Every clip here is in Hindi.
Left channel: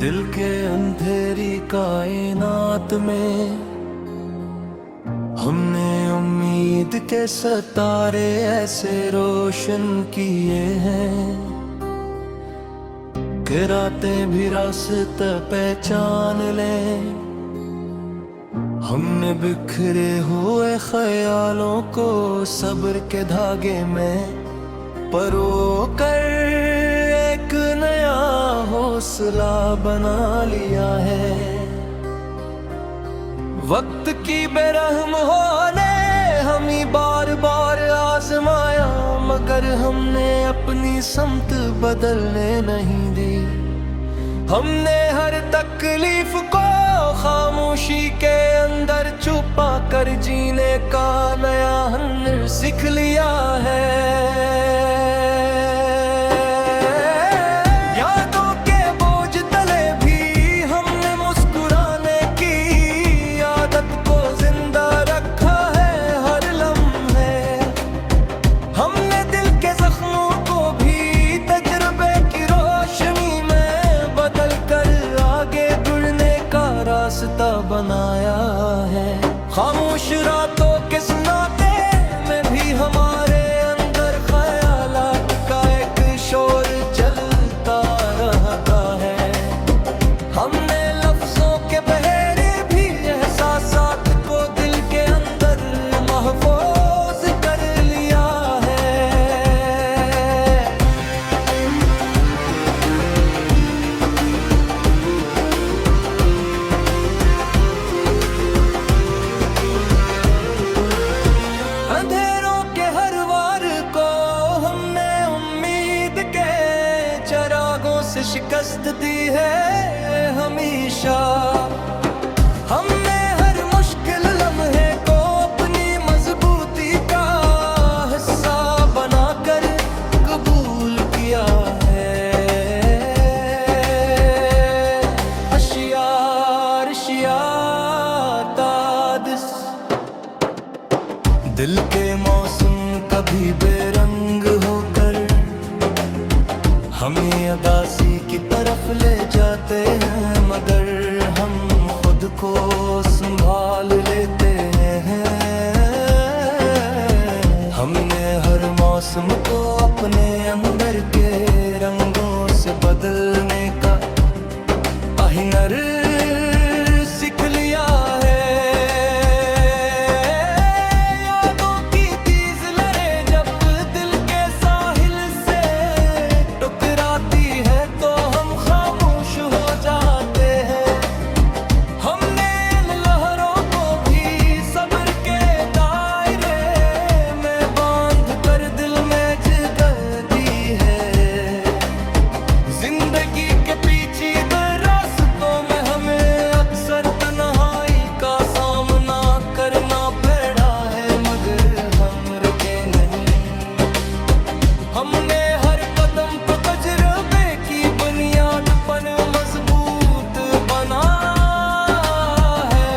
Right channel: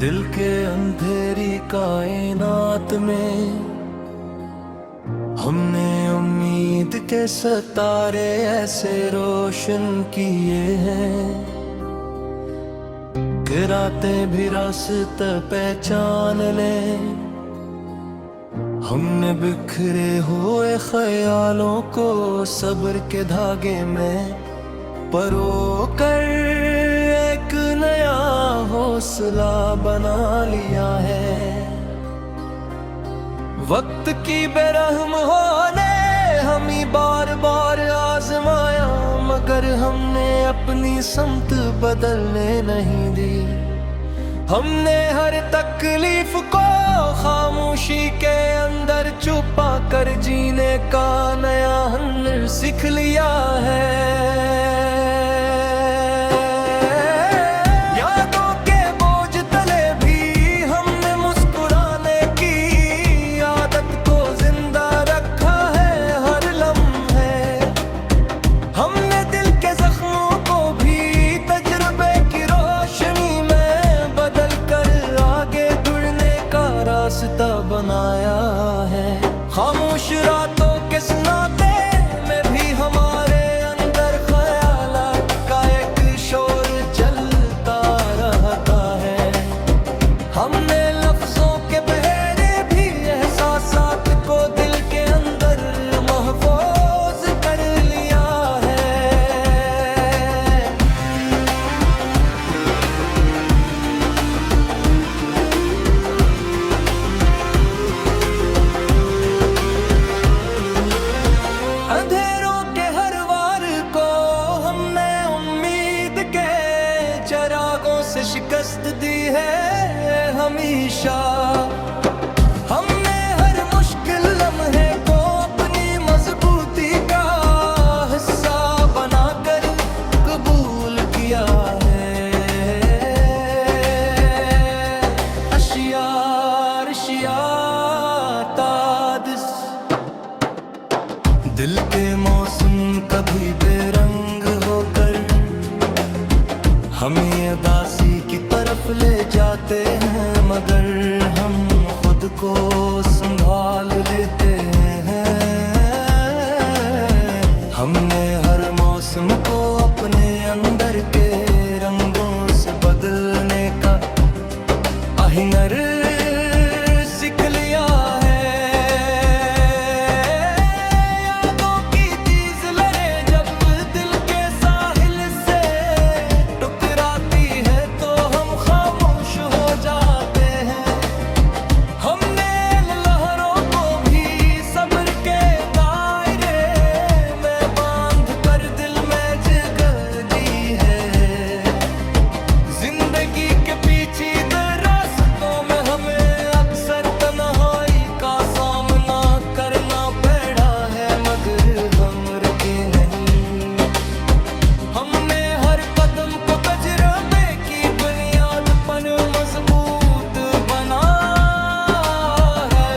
दिल के अंधेरी कायनात में हमने उम्मीद के सितारे ऐसे रोशन किए हैं कि रातें भी रास्ते पहचान लें। हमने बिखरे हुए ख्यालों को सब्र के धागे में परो कर एक नया हौसला बना लिया है। वक्त की बेरहम होने हमें बार बार आजमाया, मगर हमने अपनी समत बदलने नहीं दी। हमने हर तकलीफ को खामोशी के अंदर छुपा कर जीने का नया हुनर सीख लिया है। यादों के बोझ तले भी हमने मुस्कुराने की आदत को जिंदा रखा है हर लम्हे। हमने दिल के जख्मों को भी तजुर्बे की रोशनी में बदल कर आगे बढ़ने का रास्ता बनाया है। खामोश रातों के सुनाते में भी हमारे अंदर ख्यालात का एक शोर चलता रहता है। हमने लफ्जों के बहेरे भी एहसासात को दिल के अंदर महफूज कर लिया है। अंधेरों के हर वार को हमने उम्मीद के चिरागों से शिकस्त दी है हमेशा। हमने हर मुश्किल लम्हे को अपनी मजबूती का हिस्सा बनाकर कबूल किया है। अशियार तादिस दिल के मौसम कभी बेरंग होकर हमें अदासी की तरफ ले जाते हैं, मगर हम खुद को संभाल लेते हैं। हमने हर मौसम को अपने अंदर के रंगों से बदलने का हुनर सीख लिया है। जिंदगी के पीछे रास्तों में हमें अक्सर तन्हाई का सामना करना पड़ा है, मगर हम रुके नहीं। हमने हर कदम को तजुर्बे की बुनियाद पर मजबूत बना है।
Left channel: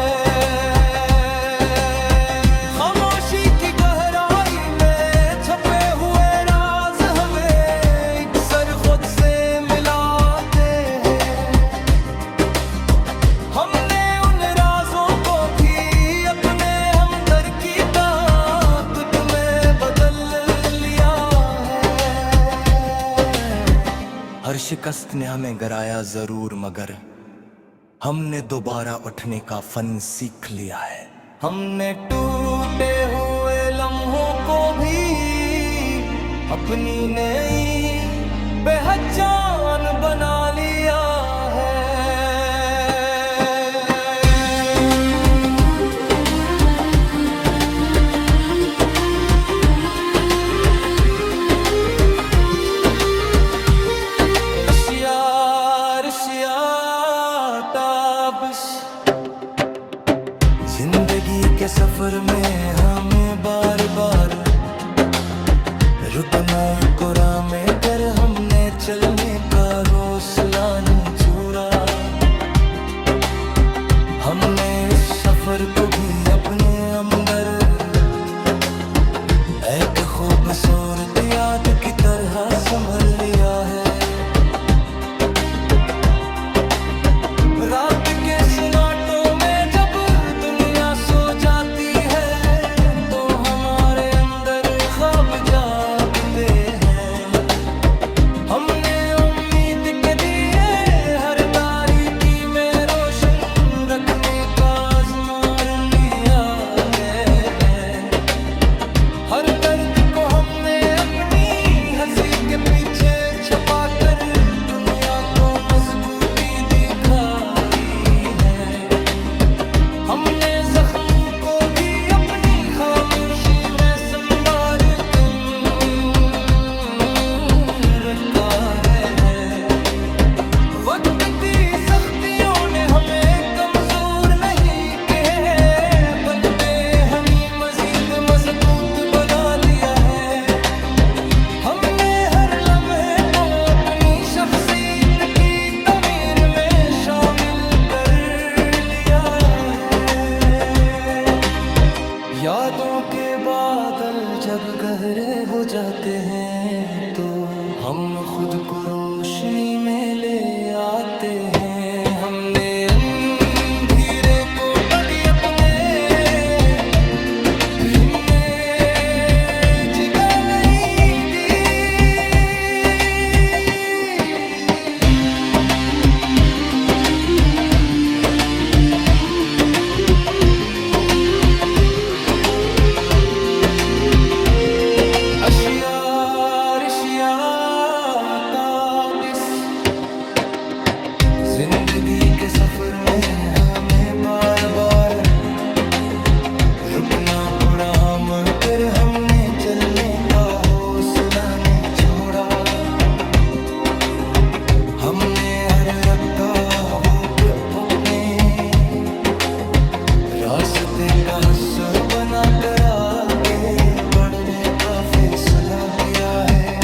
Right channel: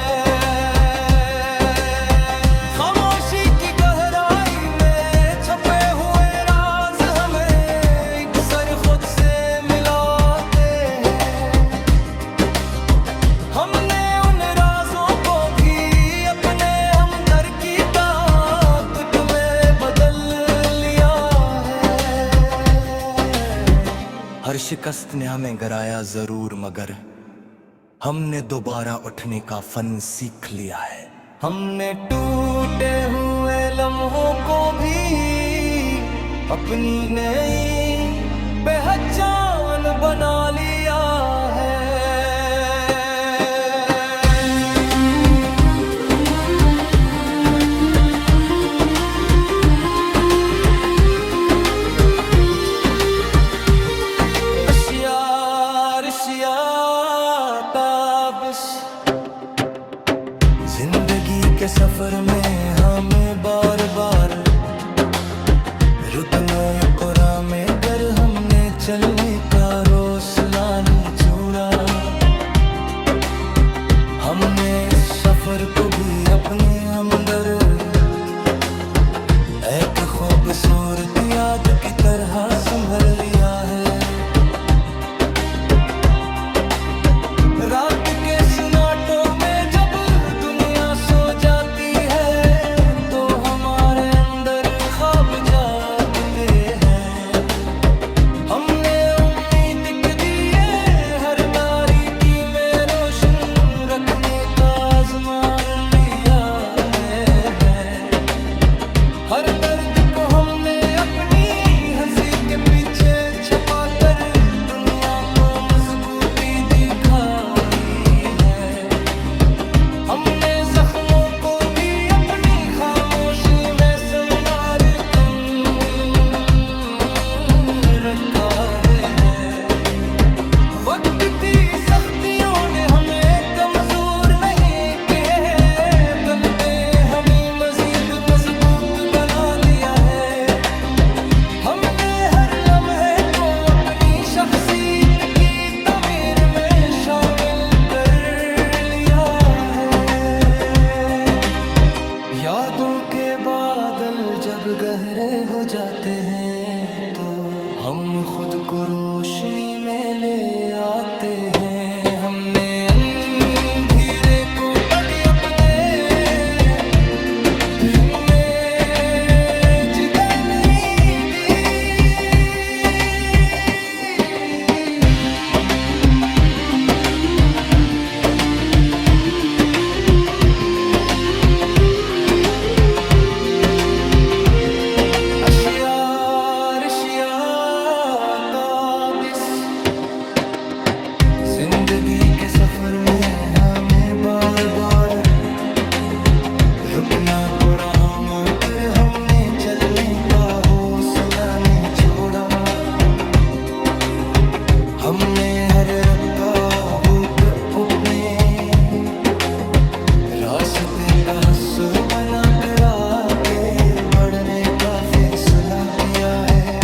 खामोशी की गहराई में छपे हुए राज हमें अक्सर खुद से हर शिकस्त ने हमें गिराया जरूर, मगर हमने दोबारा उठने का फन सीख लिया है। हमने टूटे हुए लम्हों को भी अपनी नई पहचान बना लिया है। जिंदगी के सफर में हमें बार बार रुकना कुरा में गर हमने चलने का हौसला नहीं छोड़ा। हमने इस सफर को भी अपने अंदर एक खूबसूरत याद की तरह संभल लिया है। रात के सन्नाटों में जब दुनिया सो जाती है तो हमारे अंदर ख्वाब जागते हैं। हमने उम्मीद के दिए हर तारीकी में रोशन रखने का आज़मा लिया है। हर दर्द को हमने अपनी हंसी के पीछे छुपा कर दुनिया को मजबूती दिखाई है। हमने जख्मों को भी अपनी खामोशी में संवार रखा है। वक्त की सख्तियों ने हमें कमजोर नहीं किए, बनते हमें मजीद मजबूत बना दिया है। हमने हर लम्हे को अपनी शख्सियत की तमीर में शामिल कर लिया है। यादों के बादल जब गहरे हो जाते हैं तो हम खुद को रोशनी में ले आते हैं। हमने अंधेरे को बदी अपने दिल में जगह नहीं दी। अशिया ताबिस जिंदगी के सफर में हमें बार बार रुकना पड़ा, मगर हमने चलने का हौसला नहीं छोड़ा। हमने हर रुकावट अपने रास्ते का हिस्सा बनाकर आगे बढ़ने का फैसला किया है।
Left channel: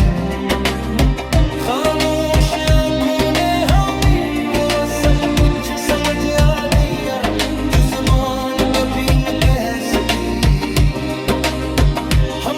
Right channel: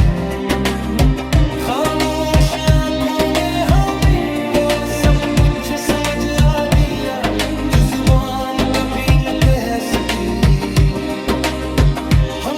खामोश आँखों ने हमें वो सब कुछ समझ आ दिया जो जुबान कभी न कह सकी। हम